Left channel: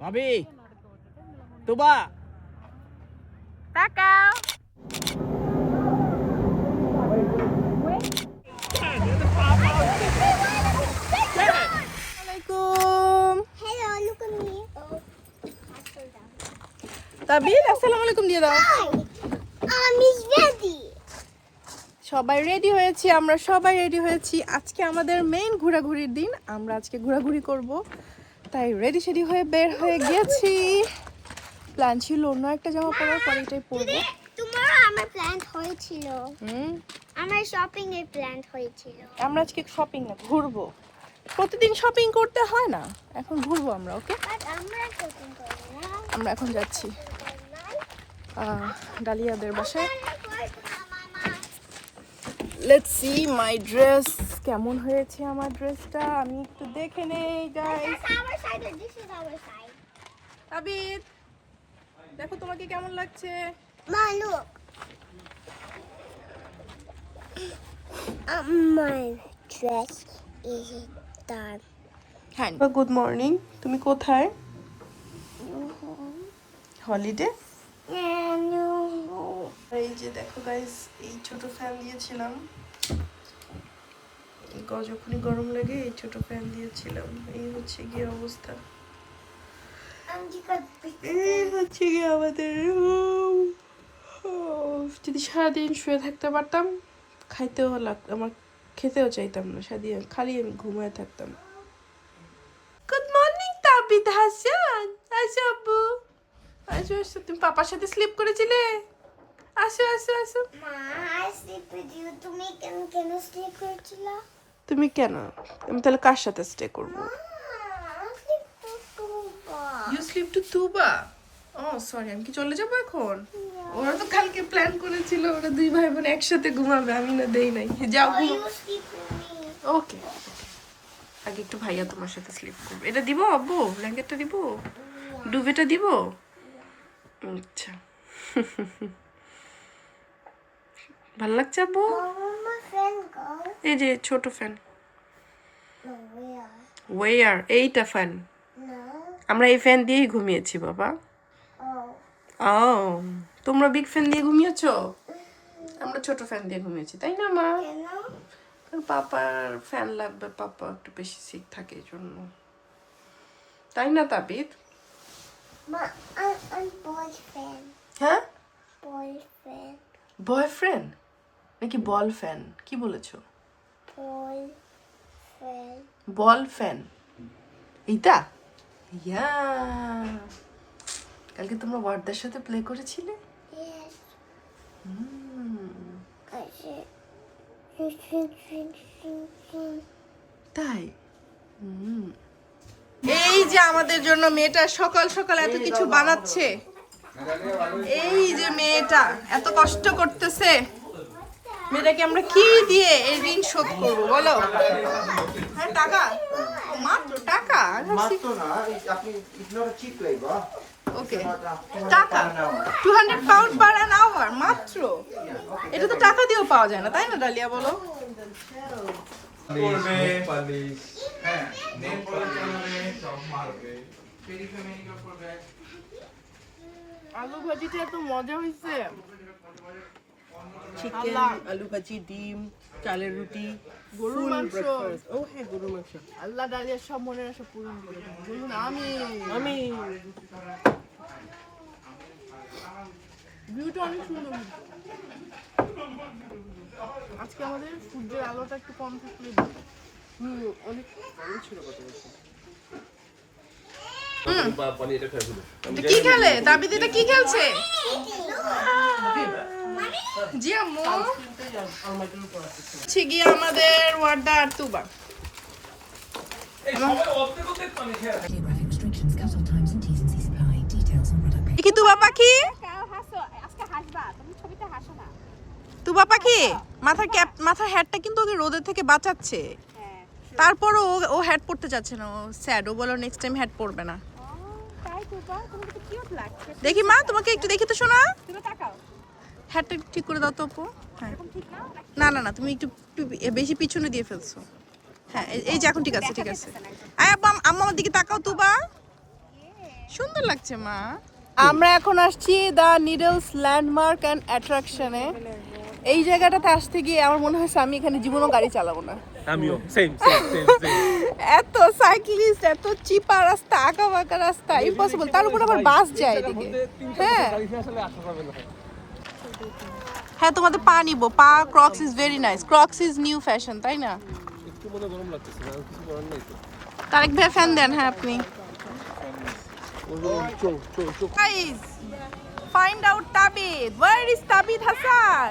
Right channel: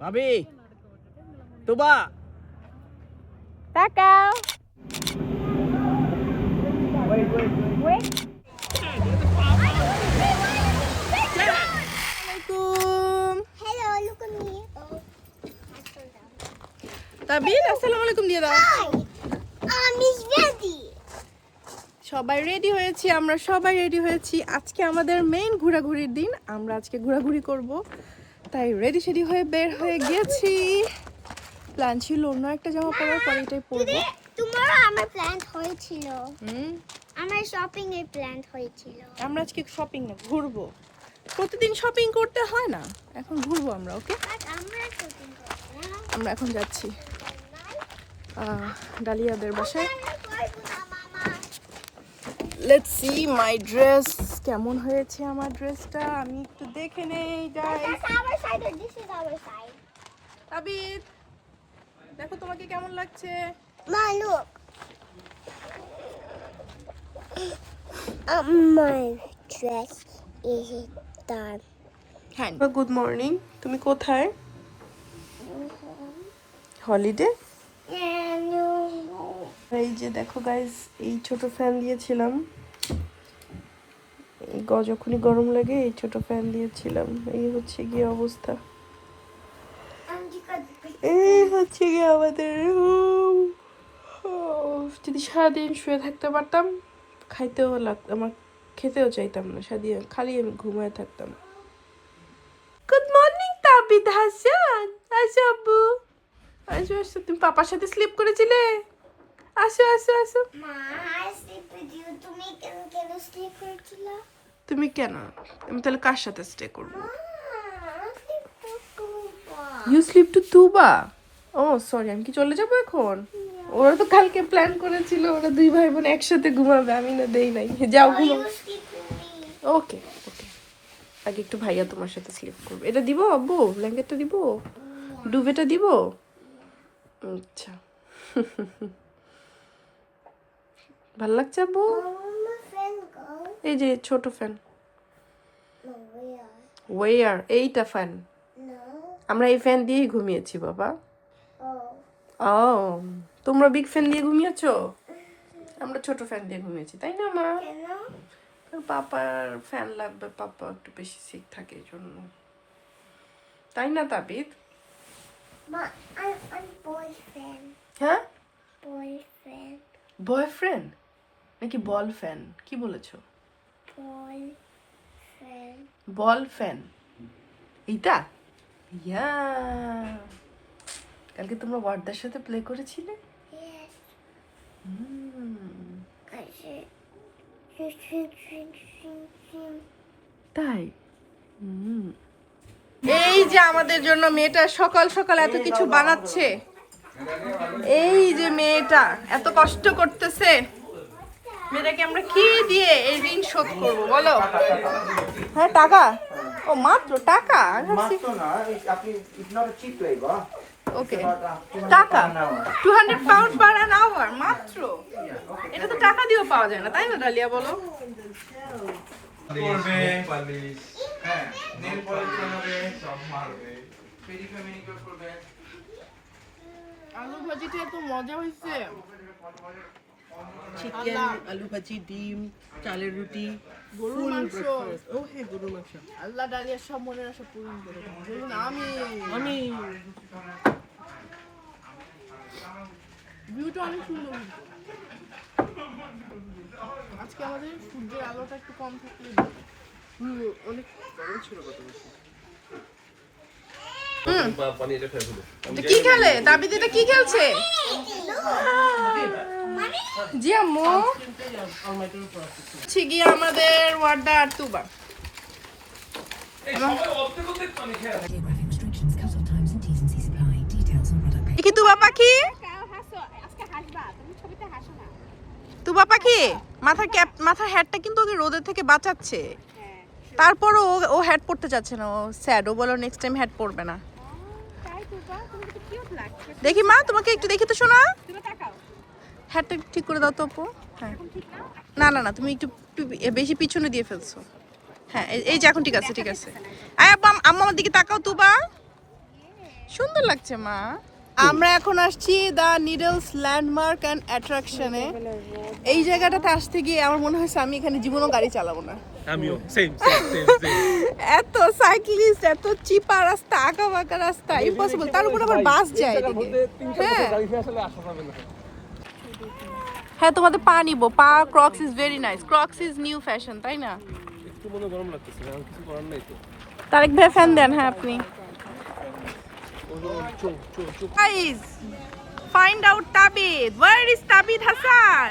ভাবি তুবা তাকাও। Hello, look at me. তাবিদ আসসালামু আলাইকুম দিয়ে দাও। He's ready. সবাই রেডি হয়েছি, আমরা সবাই রেডি হয়েছি। আজকে আমাদের মেইন ঘোরাঘুরির দিন, আমরা আজকে ঘোরাঘুরি করব, তাই রেডি সেডি হয়ে বের হয়ে গেছি। প্ল্যান ছিল অন্য একটা জামা পরার, পরে এটাই পরবো। Tomorrow আমার প্ল্যান হয়েছিল। আমার শপিং এর প্ল্যান হয়েছিল। আমরা আজকে শপিং না, ঘুরবো। প্রতিদিন শপিং করতে হয় না, এখন ঘুরবো আমরা। ওকে, আমরা শপিং করব না। আমরা এখন যাচ্ছি ডালিয়াদের বাসায়। লেটস সি মাই ড্রেস, কেমন হয়েছে আমার ড্রেসটা, আমি একটু দেখে নেই guys. Our side, this is our side. তাবিদ দেখো তোমাকে কেমন লাগছে। Ma, look. My dress is done. হ্যাঁ, গুড মর্নিং। তুমি কোথায়? হলিডে। No. এই যে দেখো গাইস, এই ছোট ফ্যান দিয়েছিলাম, যখনই গরম লাগে এই ছোট ফ্যান দিয়েছিলাম। এই হচ্ছে গিয়ে অবস্থা, এই হচ্ছে গিয়ে আমাদের room। যদি সারাদিন শুয়ে থাকতে পারতাম, খাইতেও লাগতো, আমার খেতেও চাইতাম না, সারাদিন খালি আমি ঘুমায় থাকতাম। গুড মর্নিং তাবিদ হাসান, আসো আব্বু, আসো আসো। তুমি পাপার সাথে স্লিপ করেছিলে? আসো আসো আসো। Ma, I sleep with you. Can you sleep with you? তুমি কেন? আমি তাহলে কার সাথে স্টে করবো? You sleep to Tuba. Oh sorry, আমি কি চলে যাবো এখন? ওরা তো কালকে প্ল্যান করেছিল, ওরা দুই ভাই বোন একসাথে ঘুমাবে, আমি না দেই নাই। যাও ঘুমো। ওকে ওকে, আগে একটু ভাইয়া তোমার সাথে স্লিপ করবে। এটা দিব আব্বু, ব্ল্যাঙ্কেটটা দিব, ডুবেটা দিব। আচ্ছা ভাল লাগছে আব্বু? এই যে ছোট ফ্যান। ওয়ার এইটা ফ্যান, আমরা এই ফ্যান দিয়েই ঘুমিয়েছি বাবা। ও তোমরা বিগ ফ্যান দিয়ে ঘুমিয়েছো, আমরা ছোট ফ্যান দিয়ে ঘুমিয়েছি, তাই না মা? পাপার ফ্যান লাগবে, পাপা একটু বেশি সিক থাকে এই জন্য, তাই না তাবিদ? হ্যাঁ, বয়ফ্রেন্ড নাকি বল ফ্যান? কি বলেছো? বল ফ্যান এইটা? ইয়া, কালকে তোমরা ওয়ার্ডার সাথে প্লে করেছিলে? তাই? এই যে আমাদের জন্য মেয়েটা সকাল সকাল এত কিছু বানাচ্ছে, এই যে মেয়েটা এত কষ্ট করতেছে, মেয়েটাকে আমরা কি দিয়ে এই ঋণ শোধ করবো বলো? হ্যাঁ টাকা, ও মাত্র টাকা? ওকে, টাকা 200 পাউন্ড পার অ্যান আওয়ার মাত্র। এটা তো টাকা দিয়েও পাওয়া যায় না, তাই না ডালিয়া বলো? আলু ভাজিটা এত মজা হয়েছে। চিকেন, আলু ভাজি, ডিম, চালের রুটি, গরুর মাংস। ও হ্যাঁ, গরুর মাংস। আল্লাহ ডালিয়ার সব মনের আশা পূরণ করে দেন, বলুন আমি। ভিউটা অনেক সুন্দর, আজকে আমাদের সূর্যের আলোটা একটু কম থাকলে অনেক গরম ছিল কত বেশি। কি খেলে তাবিদ? এটা কি খেলছে? জি আম্মু, গিয়ে আমাদের ওয়ার্ডা আর তুবা। কি তুবা পাখি? তুবা পাখি মাথার ক্যাপ, মাথার হ্যাটটা কিন্তু ওকে রোদের থেকে বাঁচাচ্ছে, তারপরও ও হ্যাট পরতে চাচ্ছে না, ও স্যাড, ও বলো নেক্সট টাইম হ্যাট পরবে না। দেখি মা, তোমাকে একটু দেখি তো শোনা, হ্যাটটা ঠিক করে দাও তো আপু। হ্যাঁ, না না না, তুমি একটু বেশি পিছনে দিয়ে ফেলছো। হ্যাঁ এই যে এখন ঠিক আছে, ঠিক আছে। আয় আব্বা, আম্মা আমার দিকে তাকাও তুবা, সুন্দর লাগছে মা। আমরা এখন আসছি দ্য নিডলস ল্যান্ডমার্ক অ্যান্ড অ্যাট্রাকশনে। এই জায়গাটাতে আসতে গিয়ে আমার মনে হয়েছে আমি এখানে জীবনও গাড়ি চালাবো না। আমিও সেম। এত সাইক্লিস্ট, এত চিপা রাস্তা, আঁকা বাঁকা রাস্তা, ইম্পসিবল। তার উপর আবার বাস যায় এদিকে। হ্যাঁ হ্যাঁ, তোমাদের পা নিবো। পা crooks is very nice. Crooks is new fashion, তাই না? একটু মনে গরম লাগতেছে, আর কিছু করার নাই তো। তারেক ভাই ফ্যান দেন। হ্যাঁ আপনি। চল। Guys, find out Tabid. Where is Tabid Hasan?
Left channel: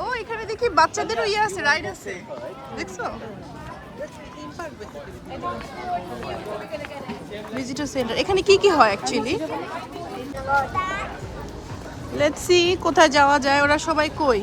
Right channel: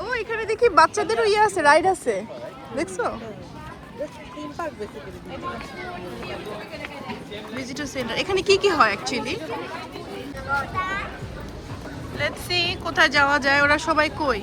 ও এখানে দেখি বাচ্চাদেরও ইয়ে আছে, রাইড আছে, দেখছো? Visitor centre. এখানে কি কি হয় অ্যাকচুয়ালি? লেটস সি কোথায় যাওয়া যায়। ওরা সবাই কই?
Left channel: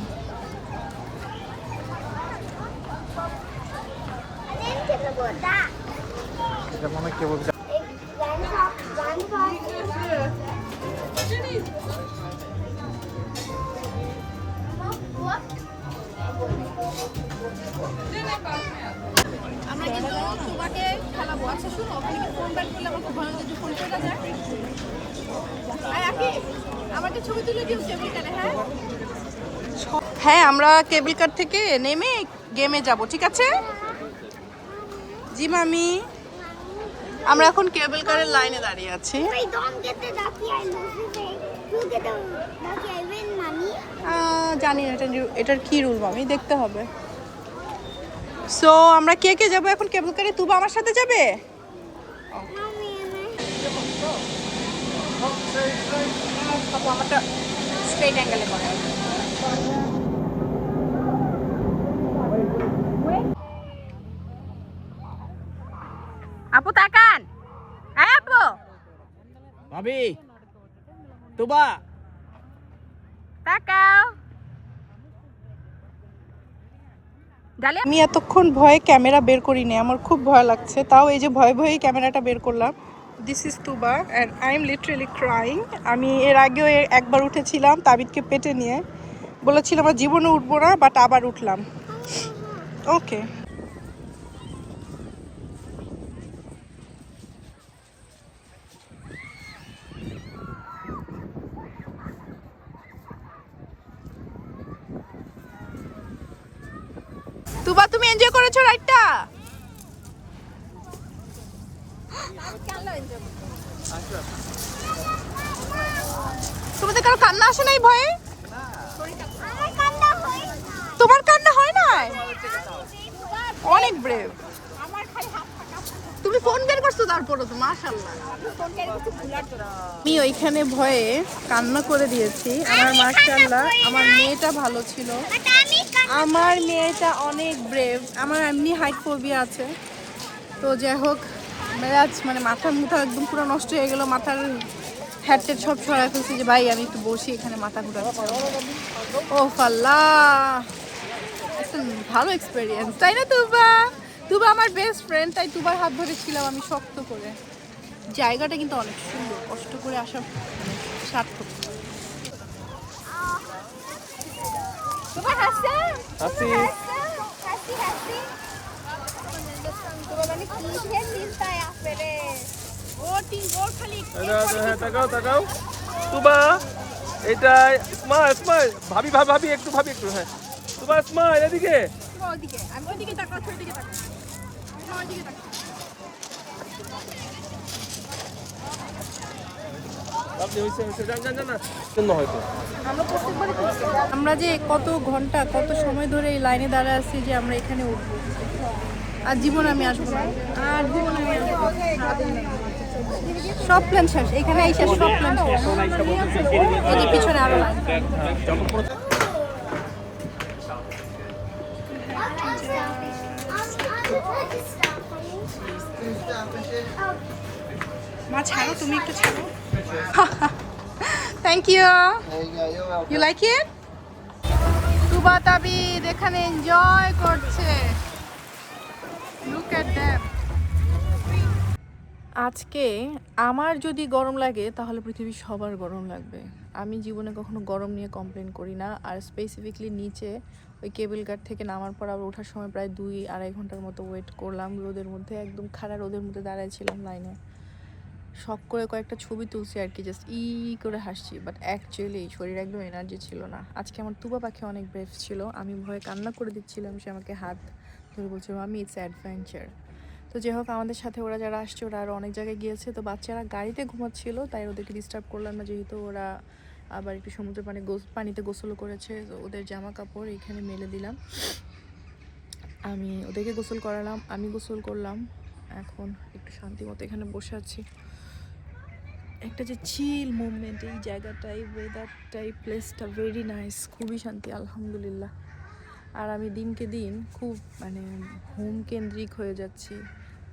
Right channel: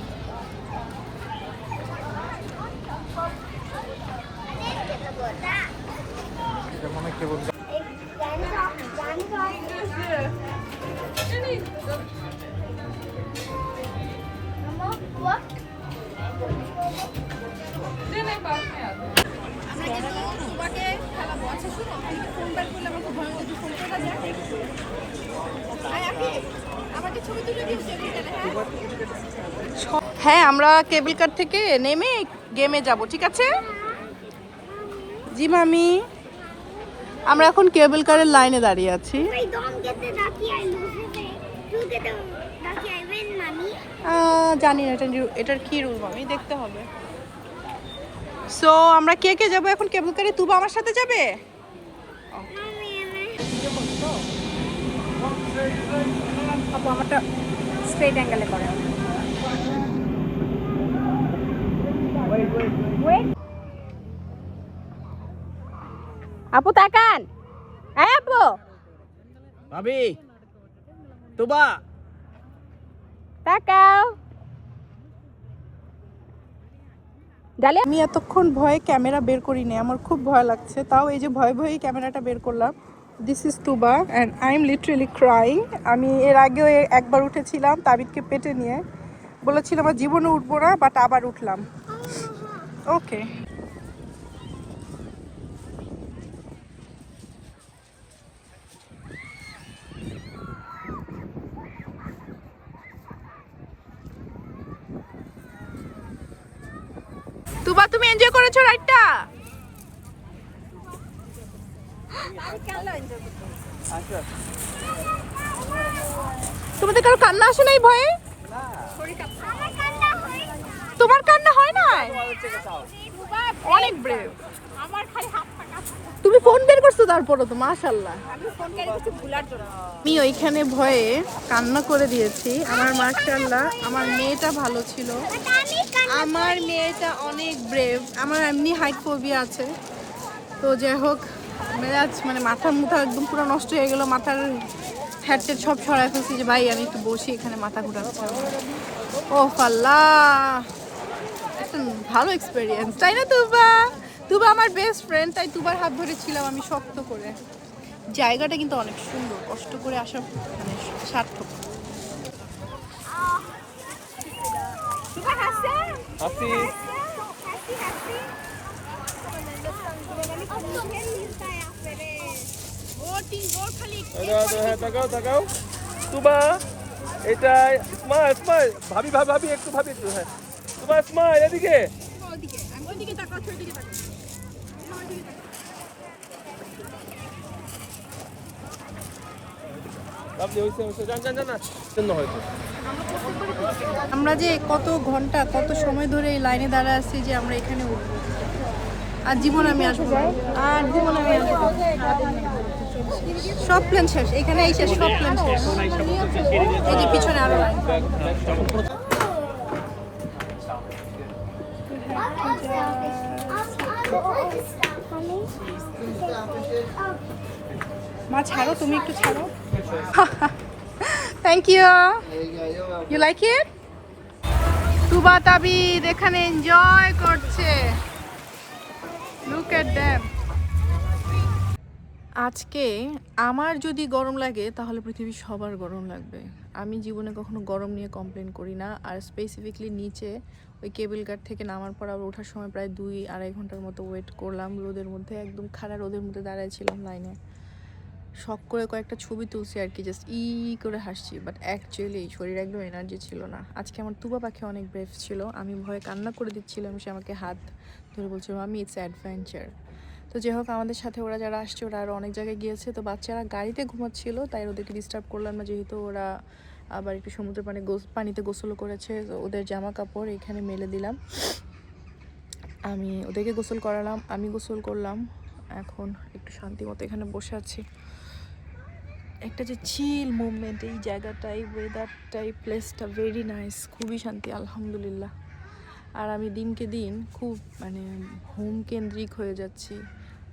হ্যাঁ, আমরা কেবল কার থেকে নেমে গেমে যাব, ঠিক আছে? জি মামি। আমরা এখন কেবল কারের লাইনে দাঁড়িয়ে আছি। Wait, don't get the ducky, I lose it. You get the ducky, I win, mommy. জানি না এটার কি রুল মামি, দেখতে হবে। সো আমরা কে কে যাবো এখন কেবল কারে? তুবা আমার সাথে যাবে? Mommy, স্ট্রেট অ্যাঙ্গেলে করো। আপু তাকান। হ্যাঁ আপু। ভাবি তুবা তাকাও। আমি এতক্ষণ ভয়ে ক্যামেরা বের করিনি, আমার খুব ভয় লাগছে। তাও এই যে ভয়ে ভয়ে ক্যামেরাটা বের করলাম। This is Tuba and I am literally crying. আমি এর আগেও একবার উঠেছিলাম তাবিদকে পেটে নিয়ে, বলেছিলাম আমার জীবনে উঠবো না, বাট আবার উঠলাম। ওকে, তুবা তুমি এনজয় করেছো রাইডটা? তোমাদের কারো কান্না আসে নাই ভয়ে? তোমার কান্না হয় না? অনেক ব্রেভ। তুমি ফোন বের করছো তারপরও তো মাশাআল্লাহ। আমি ওইখানে ভয়ে কান্না করে দিয়েছি। আমার মাশাআল্লাহ আমার মেয়েটা ভালো ছিল। আমার মেয়েটা অনেক ব্রেভ। আমার এমনি হাইট ফোবিয়া আছে, তো যাই হোক মেজাজ মানে মাথা মুথা একদম পুরো নষ্ট হয়ে গেল। মাথার হ্যাটটেট সব সরাই ফেলছি যে ভাই আমি একটু বসি, এখানে মাথা ঘুরাচ্ছে। ও ফাল্লা, একটা ভালো এক্সপেরিয়েন্স, তাই না তুবা? তুবা আমার বেস্ট ফ্রেন্ড, তাই তুবার হাত ধরেছিলাম আমি শক্ত করে। জায়গাটা কিন্তু অনেক সুন্দর, কষ্ট করে আসা মানে সার্থক। তুবা এটা স্মাইল স্মাইল, ভাবি একটু হ্যাঁ তুবা স্মাইল এদিকে। আমি ওইদিকে তাকাও, ওইদিকে তাকাও, ওইদিকে তাকাও। আমরা যে কত ঘন্টা কত সময় ধরে এই লাইনে দাঁড়ায় আছি যে আমরা এখানে উঠবো। আর জীবন আমি আসবো না, আর জীবন আমি আসবো না। সব প্ল্যান শেষ, এখানে এই শেষ, সব প্ল্যান শেষ। এই যে পিছনে আরো লাইন। মা ছাড়ো, তুমি একটু ছাড়ো। Thank you. You like it? Tuba Tabid এখানে এনজয় করছে। Look at them. আজকে আমার যদি গরম লাগে তাহলে পৃথিবীর সবার গরম লাগবে। আমি জীবনে কখনো গরম নিয়ে কমপ্লেন করি না, আর স্পেসিফিকলি নিচে ওই কেবল কার থেকে নামার পর আবার ওঠার সময় প্রায় 2-2.5 ঘন্টার মতো ওয়েট করলাম রোদের মধ্যে, একদম খাড়া রোদের মধ্যে দাঁড়াইছিলাম লাইনে। শখ করে কয়েকটা ছবি তুলছি আর কি, জাস্ট করে হাসছি, বাট অ্যাকচুয়ালি শরীর একদম এনার্জি ছিল না। আজকে আমার তুবা পাখি অনেক ব্রেভ ছিল, আমি ভয়ে কান্না করে দিচ্ছিলাম, সে আমাকে হাত ধরে বলছিল আমি ইটস অ্যাডভেঞ্চার। তো যাই হোক, আমাদের সাথে ওরা যারা আসছে ওরা আরও অনেক জায়গায় গিয়েছে, তো বাচ্চারা গাড়িতে ঘুমাচ্ছিল তাই ওদেরকে ডিস্টার্ব করলাম না, যেহেতু ওরা আবার একটু সমুদ্রের পানিতে গোসলও করেছে। তো ওদের জামা কাপড় এখানে মেলে দিলাম, আমি ওদেরকে গোসল করালাম, আমি গোসল করলাম। এখন একটু শান্তি মতো এখানে বসে আছি। একটা যে চিল মুভমেন্ট এই জায়গাটাই, ওয়েদারটাই, প্লেসটা ভেরি নাইস, খুবই শান্তি আলহামদুলিল্লাহ। আর আমি দিনকে দিন খুব হোম কেন্দ্রিক হয়ে যাচ্ছি,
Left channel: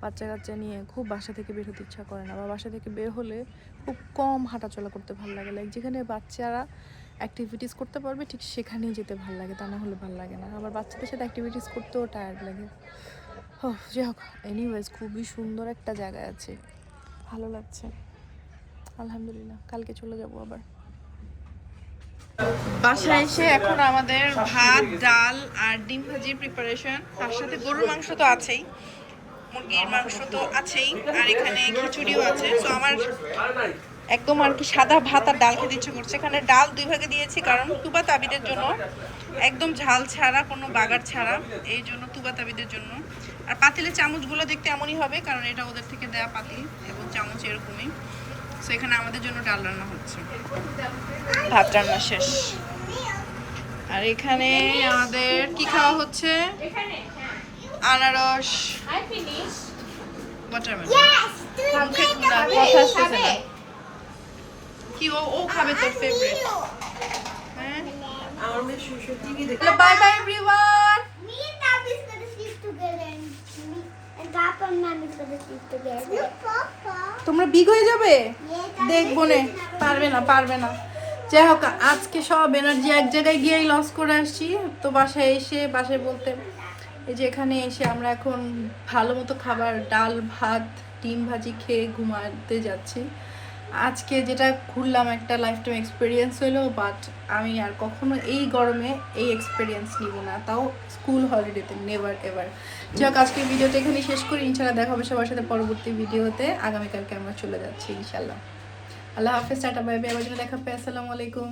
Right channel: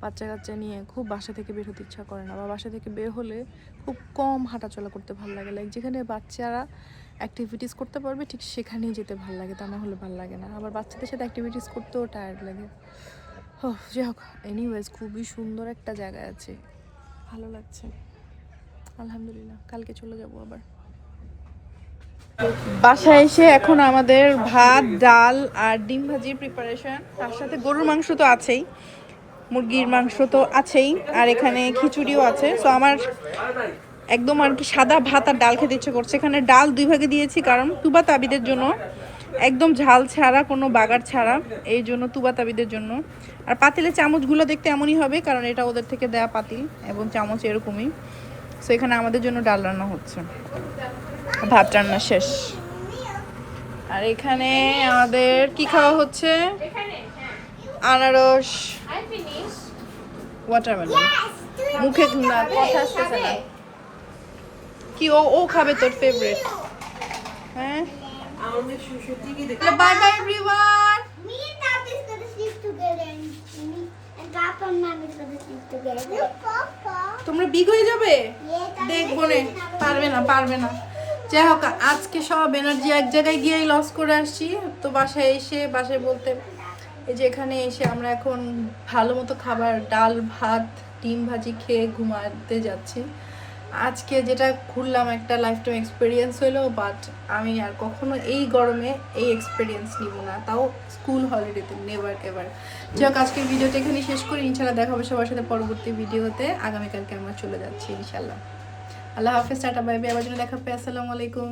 বাচ্চা কাচ্চা নিয়ে খুব বাসা থেকে বের হতে ইচ্ছা করে না, বা বাসা থেকে বের হলে খুব কম হাঁটাচলা করতে ভালো লাগে। লাইক যেখানে বাচ্চারা অ্যাক্টিভিটিস করতে পারবে ঠিক সেখানেই যেতে ভালো লাগে, তা না হলে ভালো লাগে না। আবার বাচ্চাদের সাথে অ্যাক্টিভিটিস করতেও টায়ার্ড লাগে। যাই হোক, এনিওয়েজ খুবই সুন্দর একটা জায়গা আছে, ভালো লাগছে আলহামদুলিল্লাহ। কালকে চলে যাব আবার বাসায় এসে। এখন আমাদের ভাত, ডাল আর ডিম ভাজির প্রিপারেশন, তার সাথে গরুর মাংস তো আছেই, মুরগির মাংস তো আছেই, আর এখানে খিচুড়িও আছে। সো আমার একদম আর কি সাদা ভাত আর ডাল খেতে ইচ্ছে করছে। এখানে ডাল 2 ভাগে দিয়েছি কারণ তুবা তাবিদের জন্য, একদম ঝাল ছাড়া, কোনো বাগার ছাড়া, এই জন্য তুবা তাবিদের জন্য। আর পাতিলের চামচগুলো দেখতে এমনই হবে কারণ এটা ওদের থেকে দেয়া পাতিল এবং চামচ এরকমই। সো এখানে আমাদের জন্য ডাল রান্না হচ্ছে, ভাত রান্না শেষ। আর এখানে আমাদের কি খাওয়া হচ্ছে, আনারস, ওয়াটারমেলন। মুখে না কথা আসতেছে না কি, ও খাবে তোর ফেভারিট। হ্যাঁ, bye bye everyone. Me and Papa's gonna sleep together, and Papa and Mommy's gonna sleep together. Papa. তোমরা বিগ হয়ে যাবে, Yeah, দেখবো নে। পারবে না। যাই হোক, আজকে সব এনার্জি এক জায়গায় গিয়েই লস করে আসছি। তো বাসায় বলতে এই যে এখানে এসে আমরা এখন ভালো মতো খাবার, ডাল ভাত ডিম ভাজি খেয়ে ঘুমাতে যাচ্ছি। আজকে যেটা ঘুরলাম একটা লাইফ টাইম এক্সপিরিয়েন্স হলো, বাট আমি আর কখনো এই গরমে এই এক্সপিরিয়েন্স নিব না, তাও স্কুল হলিডেতে, নেভার এভার। যাই হোক, আজকে ভিডিওতে এখানে শেষ করি, ইনশাল্লাহ দেখা হবে সবার সাথে পরবর্তী ভিডিওতে। আগামীকালকে আমরা চলে যাচ্ছি ইনশাল্লাহ। আল্লাহ হাফেজ, টাটা বাই বাই, আবার দেখা হবে, আসসালামু আলাইকুম।